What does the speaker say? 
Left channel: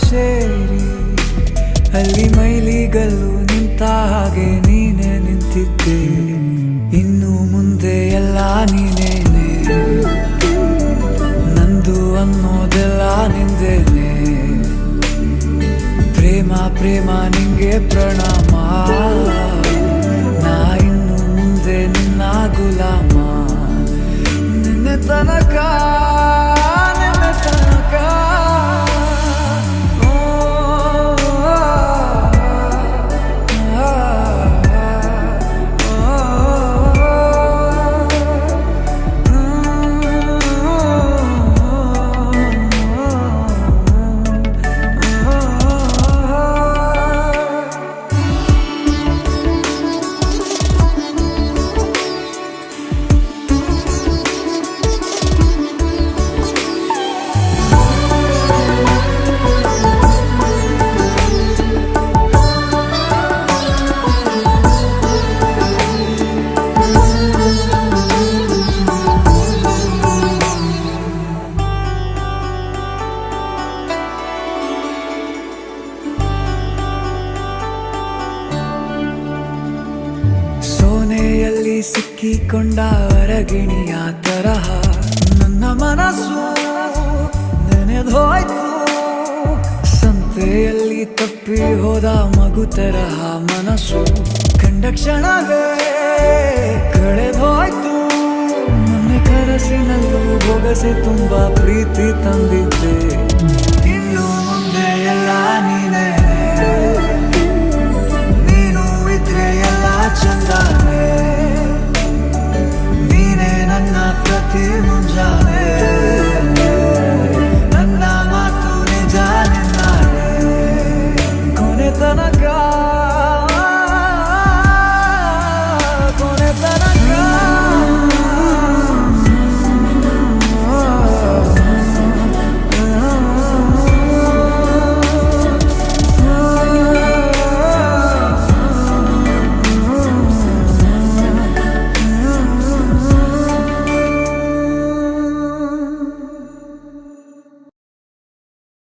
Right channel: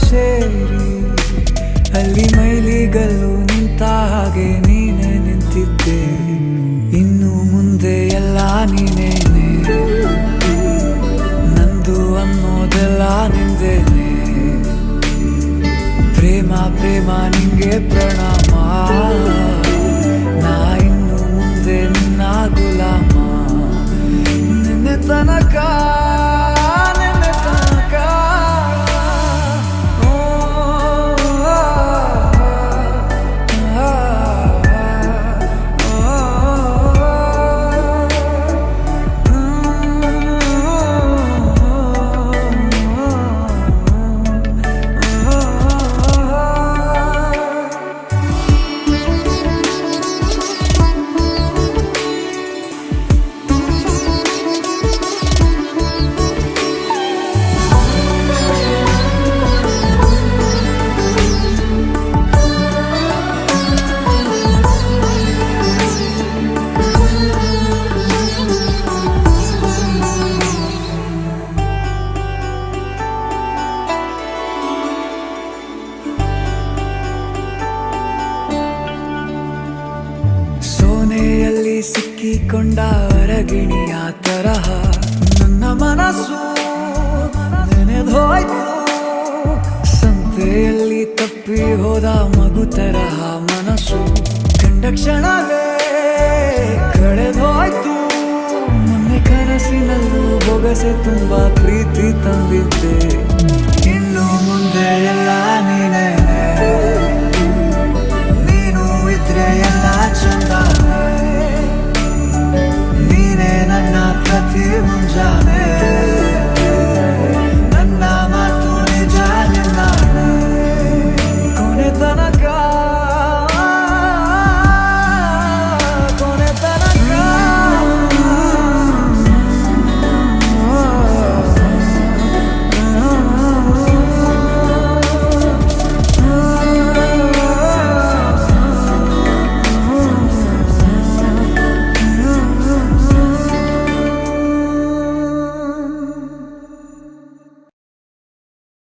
ಸೇರಿ ಅಲ್ಲಿ ಮೈಲಿಗಲ್ಲು ನಿಂತ ಹಾಗೆ ನೀನೆ ನಿಂತಿದ್ದೆ. ಇನ್ನು ಮುಂದೆ ಎಲ್ಲ ನೀನೇನೆ, ನಂದು ಅನ್ನೋದೆಲ್ಲ ನಿಂದೇನೆ. ಪ್ರೇಮ ಪ್ರೇಮ ನಿಂಗೆ ಪ್ರಣಾಮ, ನಾ ಇನ್ನು ಮುಂದೆ ನಿನ್ನ ಗುಲಾಮ. ನಿನ್ನೆ ತನಕ ನಿನ್ನೆ ತನಕ ಸೋನೆಯಲ್ಲಿ ಸಿಕ್ಕಿಕೊಂಡ ಅರಗಿಣಿಯ ತರಹ ನನ್ನ ಮನಸ್ಸು ನೆನೆದೋಯ್ತು. ಸಂತೆಯಲ್ಲಿ ತಪ್ಪಿ ಹೋದ ಮಗು ತರಹ ಮನಸ್ಸು ಕಂಡ ಕ್ಷಣವೇ ಕಳೆದೋಯ್ತು. ಮೊನ್ನೆ ಕನಸಿನಲ್ಲೂ ಬೊಗಸೆ ತುಂಬಾ ಪ್ರೀತಿ ತಂದಿದ್ದೆ. ಇನ್ನು ಮುಂದೆ ಎಲ್ಲ ನೀನೇ, ನೀನು ಇದ್ರೆ ಎಲ್ಲ ಚಂದಾನೆ. ನೀನೇ ನನ್ನ ಪ್ರತಿ ಮುಂಜಾನೆ.